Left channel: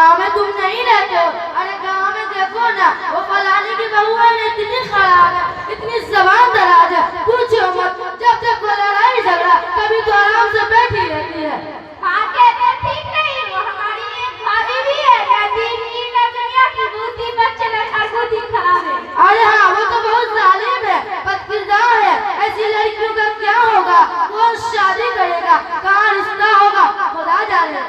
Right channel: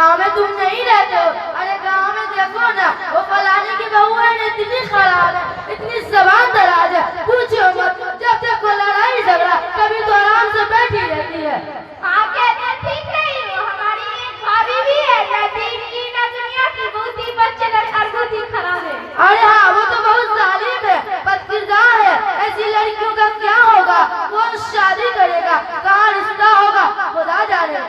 गांव में तुम नहीं रहते हो। अरे गांव में देखो ना, वो फलाने की बहू है इतनी खराब है, इतनी जबान दराज है, पूछो मत। जब तक कोई लड़ाई झगड़ा कभी तो आराम से बैठी रहती है। हाँ कहते ठीक नहीं, वो हमारी एक भाभी भी है, ना दीन की ना दुनिया की, बहुत ही बच्चे और बहुत ही खराब है। अरे हाँ, वो तो बहुत जालिम है, बदकिरदार है। ऐसी लड़कियों का क्या होगा, कौन शादी करेगा, कहाँ रिश्ता होगा, खुदा जाने।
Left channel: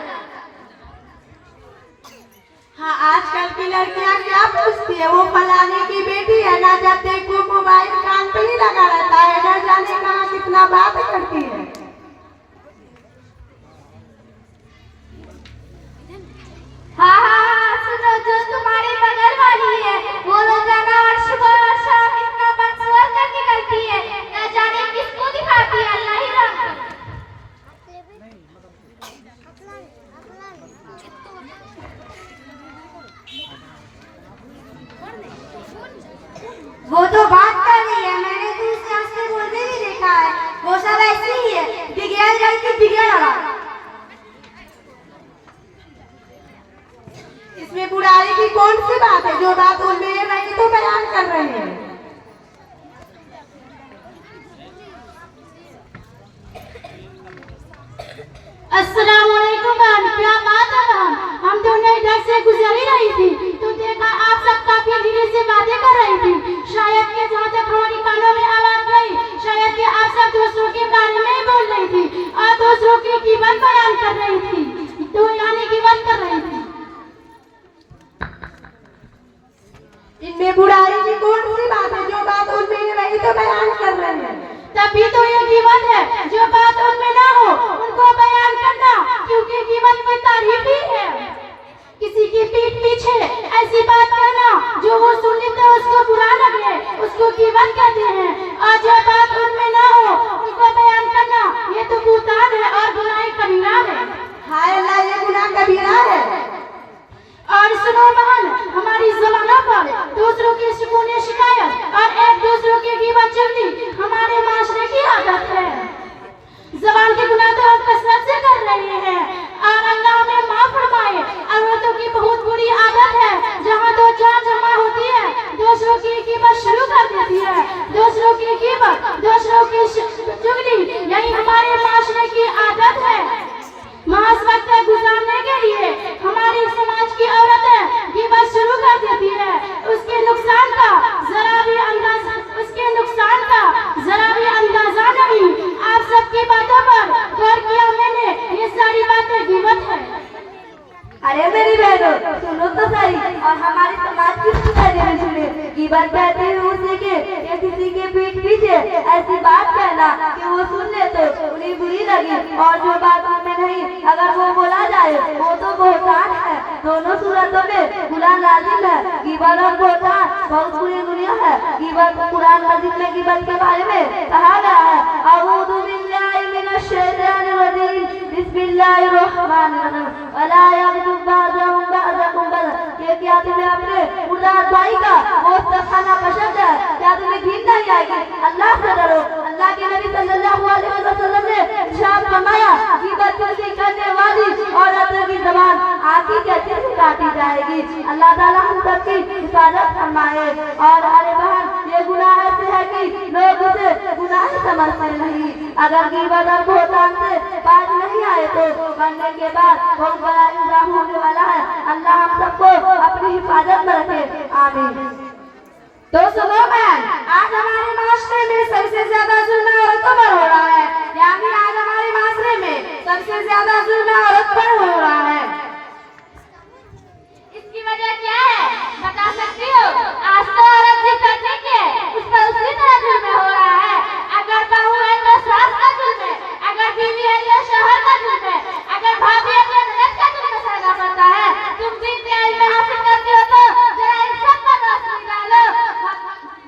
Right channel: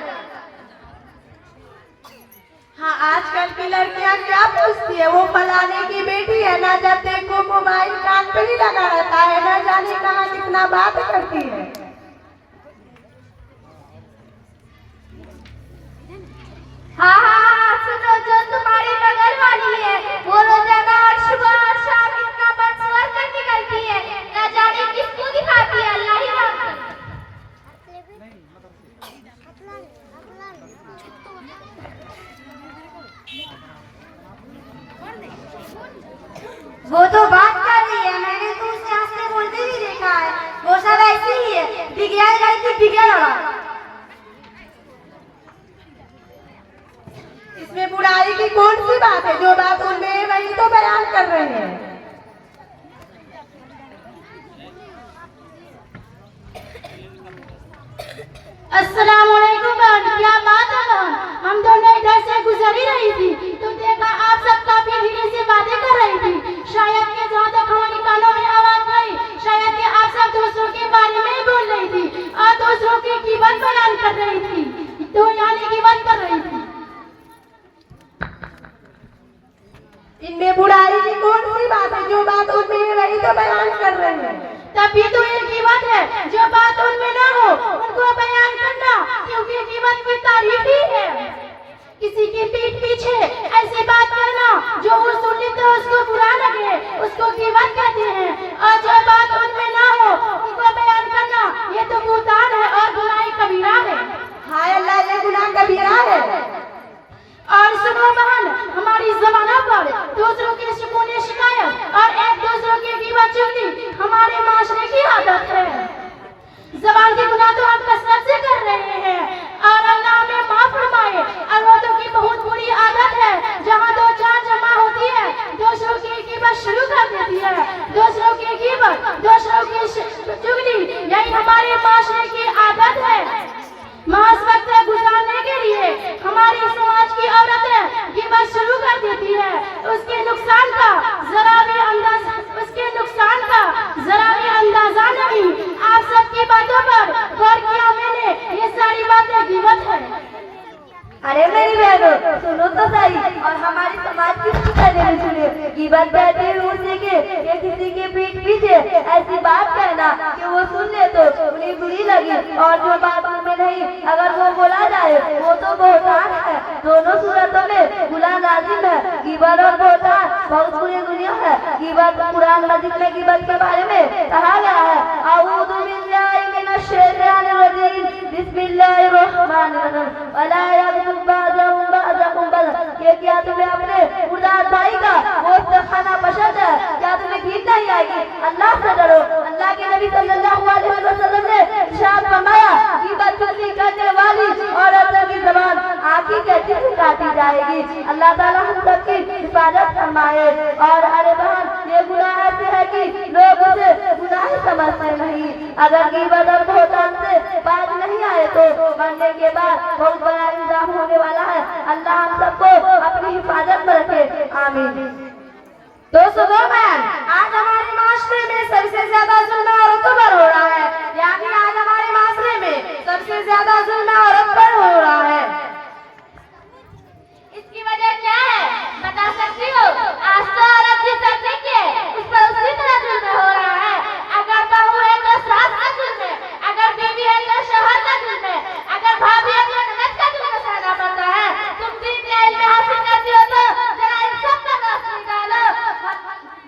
हाँ, आजकल की लड़कियां क्या पूछती है, वो फलाने की बेटी है, ना जब देखो मोबाइल कान पे ही लगा रहता है, ना जाने कहाँ कितना बात करती है। हाँ हाँ हाँ, सुनो, जो तुम्हारी बगल वाली है वो रोजाना और सुबह और शाम इतना बकवास कर निकलती है, ना जाने किसको दिखाती है, अल्लाह ही जानता। वो तो बात कर रही है, मैंने तो उससे हंसते बोलते भी देखा है। वो सब ऐसी ही है, बिगड़ गई थी बिगड़ वाला। इसमें बुराई की कौन सी बात है, जो बात उनमें नहीं तो बयान कर रहे हैं। अस्सलामुअलैकुम बहन, क्या बात है बहन? हम दोनों इधर से गुजर ही रही थी तो देखा आप सब काफी धीरे से बातें कर रही थी। शायद कि जहाँ तक हमारी कानों में आवाज गई, शायद कि आप सब दूसरों के बारे में ही बोल रही थी और दूसरों की कीमत बयान कर रही थी, तो यानी कीमत कर रही थी। इनमें बुराई की कौन सी बात है, जो बात उनमें नहीं तो बयान कर रहे हैं। तभी तो ये कीमत है, जो बात उनमें ना हो उनको बयान करना, क्योंकि कीमत की तारीफ ही है। किसी की पीठ पीछे ऐसी बात कहना जो वो सुने तो उसको बुरा लगे, उसको कीमत कहते हैं। और जो बात उनमें ना हो उनको बयान करना, ये तो बुहतान है और बुराई कबीरा है। हाय अल्लाह, ये गुनाह कबीरा है। और सुनो बहन, हमारी जबानों पर दूसरों की सुकून शिकायत और एक दूसरों की कीमत चुगली हमारे माशरे की आदत है। जबान के गुनाह तो हम कसरत से कर रहे हैं और अल्लाह हमें माफ फरमाए। औरतों की बहुत बुरी आदत है, जहाँ दो चार जमा होती है दूसरों की कीमत शुरू कर देती है, दूसरों की कीमत, दूसरों की चुगली, यही हमारे माशरे की आदत है। मास वक्त गुजारने के लिए हमारी समाज की औरतें कीमत शुरू कर देती है, उसके नुकसान का जरा भी अंदाजा नहीं। आप सबकी बातों पर गौर किया मैंने, ये सारी बातें कीमत है। अरे मेरी बहनों, सुनो तो सही, और हमारी समाज की कहने में सुने। कीमत कहते हैं उसी के या किसी के पीठ पीछे ऐसी बात कहना कि वो सुन ले तो उन्हें बुरी लगी, और जो बात उनमें नहीं अगर वो बोला जाए वो तो बुहतान है। दोनों सूरतों में गुनाह लाजिम है। गिबत और बुहतान बहुत बुरी गुनाह है। गिबत कुरान मजीद में गिबत के बारे में कहा गया है, अऊज़ु बिल्लाहि मिनश शैतानिर रजीम, बिस्मिल्लाहिर्रहमानिर्रहीम, वला यग़्तब बअदहुम बअदा। ये क्या तुम्हें अपने मुर्दार भाई का गोश्त खाना पसंद है? क्या तुम्हें घिन नहीं आएगी? अल्लाह से डरो। अल्लाह के नबी सल्लल्लाहु अलैहि वसल्लम ने इरशाद फरमाया, ग़ीबत चुगली करने वाली औरतों की ज़बान आँखी के चित्र काटी जाएगी। अल्लाह ताला हम सबकी हिफाजत फरमाए। और अरे बहन, ये गुनाह ऐसे है कि लोग उसे गुनाह समझते नहीं। अगर ग़ीबत और बुहतान से बात नहीं आए तो मरने के बाद बहुत बड़ा इंजाम होने वाला है। अल्लाह हम सबको अपनी हिफाजत में रखे, आमीन। तो सुनो बहन, आज हमारे माशरे में सबसे ज्यादा जुल्म औरतों पर हो रहा है, यानी आज हमारे माशरे में सबसे ज्यादा जुल्म औरत पर हो रहा है। इसकी वजह क्या है बता सकती हो? आज तो औरत जिस करने की है उस पर उसी तरह जुल्म हो रहा है। अगर बहू है तो सास का जुल्म है, अगर बीवी है तो शौहर का जुल्म है, अगर भाभी है तो ननद का जुल्म सहना पड़ता है। तुम दीन का इल्म हासिल करती हो तो जरा इन सब पर रोशनी डालो,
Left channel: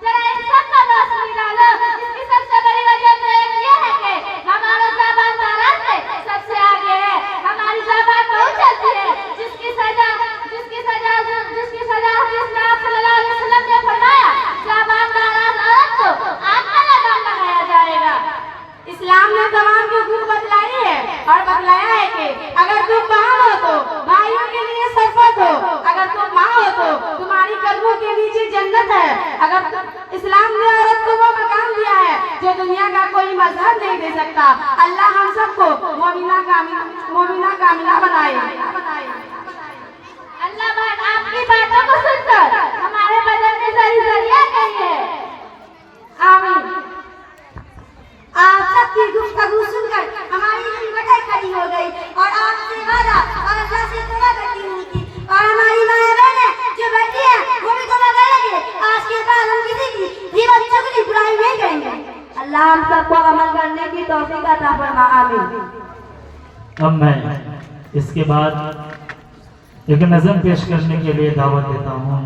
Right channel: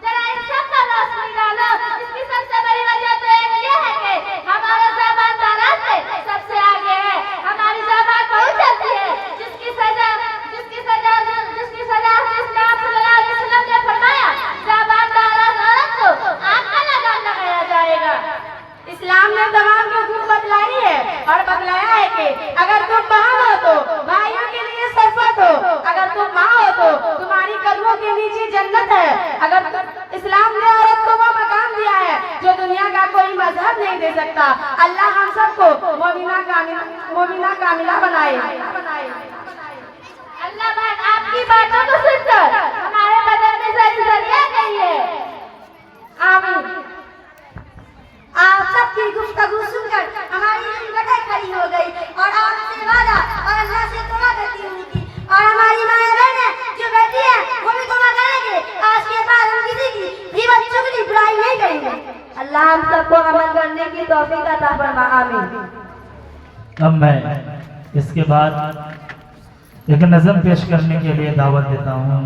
जरा इन सब पर रोशनी डालो। इसकी सबसे बड़ी वजह तो ये है कि हमारा ज़बान दाना से सबसे आगे है। अगर इस्लाम ने औरत को वो मकाम दिया है जो दुनिया का कोई मजहब नहीं दे सकता। अल्लाह हम सबको मोमिना कामिला बनाए। अल्लाह बहन आपकी बातों को सुनकर हमारे बदन में जरिया गई है। आमीन। आप सबकी गुफ्तगू सुनकर हमारी हिम्मतें खड़ी हो गई और आपसे वादा और अल्लाह से दुआ करती हुई थी। और हमारी माँ बहनें जो बैठी हैं वो भी दुआ करेंगे। आज के बाद हम किसी की गीबत चुगली बुराई नहीं करेंगे। अल्लाह हम सबको अमल करने की तौफीक अता फरमा। आमीन। अब मैं इसके बाद एक नज़म पेश करने के लिए दावत देता हूँ।